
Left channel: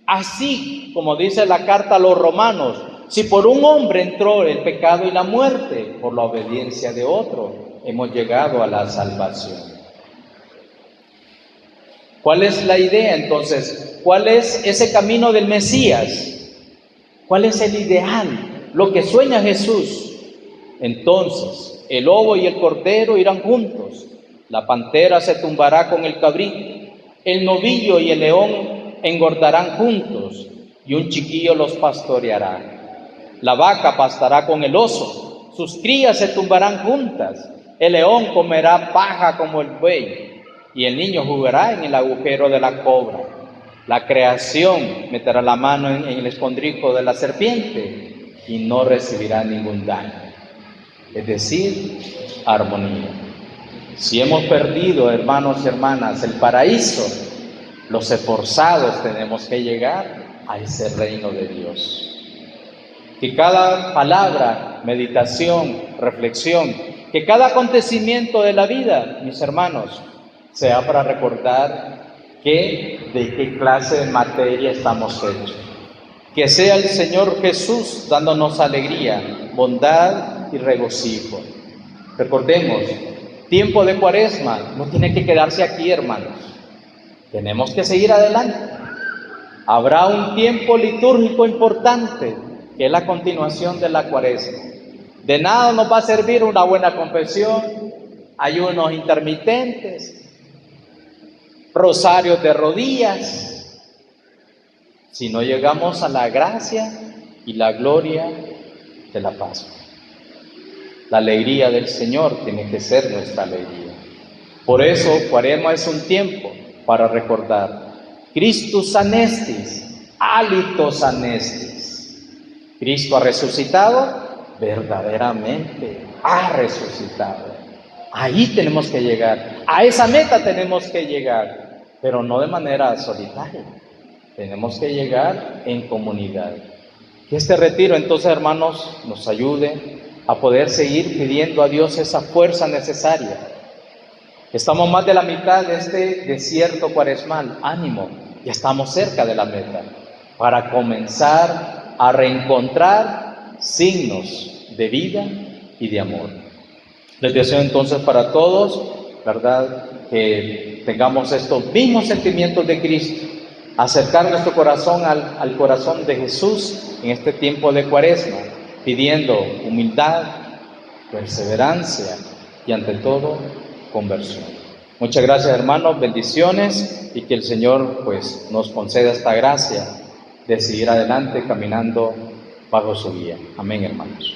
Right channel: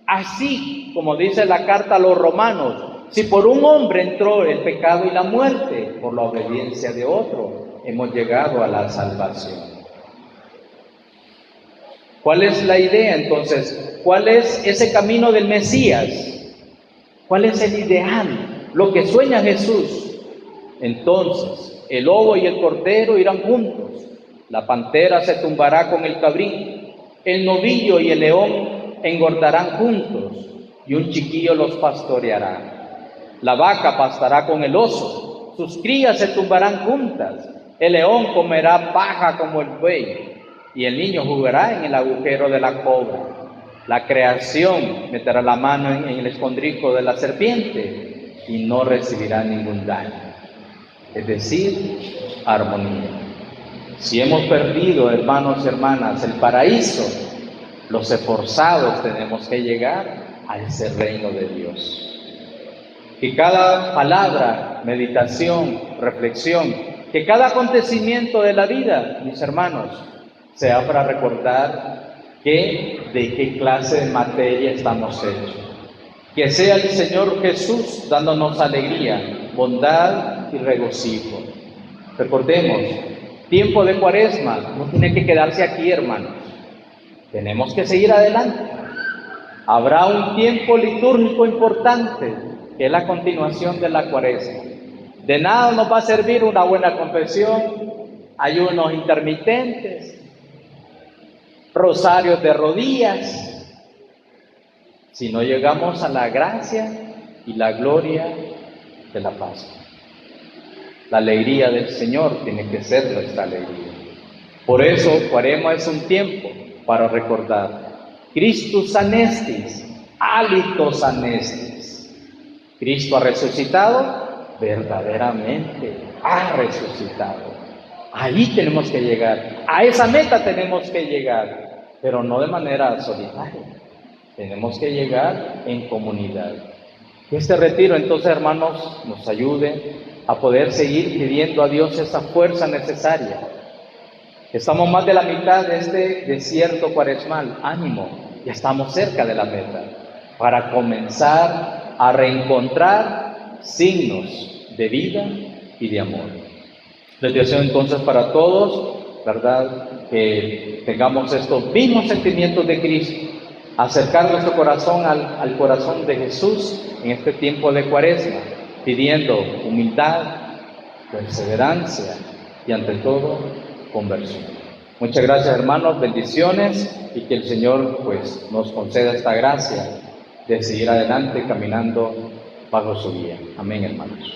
Así como dice la carta a los romanos, si por un hombre entró el pecado y la muerte, por la obediencia de otro, hemos llegado a la salvación. ¿Cuál es la idea entonces? ¿Cuál es ese camino del Mesías? ¿Cuál es el ideal? Lo que sueña Jesús. Entonces, el lobo y el cordero irán juntos. La pantera se tumbará con el cabrito, el novillo y el león engordarán juntos, y un chiquillo los pastoreará. La vaca pastará con el oso, sus crías se tumbarán juntas, el león comerá paja como el buey, y el niño jugará en el agujero de la cobra. La creación meterá la mano en el escondrijo de la serpiente, y no recibirá ningún daño. Es decir, armonía. Si hemos perdido, hermanos y hermanas, el paraíso, los esforzados tenemos que llegar a ese reino de Dios. Que cada palabra, meditación, reflexión, que cada acontecimiento de la vida, mis hermanos, sea para recordar de qué clase de materia estamos hechos. Que sea el Señor Jesús dándonos alegría, bondad y regocijo. Recordemos, tiempo de Cuaresma no tiene que quedarse aquí, hermanos. Tenemos que seguir adelante. Habrá un tiempo litúrgico importante, que es la continuación de la Cuaresma. De nada nos va a servir una buena confesión, ayunos intermitentes, rosarios de rodillas, si no llegamos a la gracia y la gloria de la Pascua. La alegría del Señor tiene que ser nuestra alegría. Por eso, Cuaresma es un tiempo para recordar: Christus anestis, halitos anestis. Cristo ha resucitado, verdaderamente ha resucitado. Ahí tenemos que llegar, a esa meta tenemos que llegar, pero no de manera solitaria. Tenemos que llegar en comunidad. Que este retiro, entonces, hermanos, nos ayude a poder seguir pidiendo a Dios esa fuerza necesaria. Estamos más de la mitad de este desierto cuaresmal. Ánimo, ya estamos cerca de la meta, para comenzar a reencontrar signos de vida y de amor. Les deseo entonces para todos, ¿verdad?, que tengamos estos mismos sentimientos de Cristo, acercar nuestro corazón al corazón de Jesús en este tiempo de Cuaresma, pidiendo humildad, perseverancia y ante todo conversión. Muchas gracias, hermanos, bendiciones, y que el Señor pues nos conceda esta gracia de seguir adelante caminando bajo su guía. Amén, hermanos.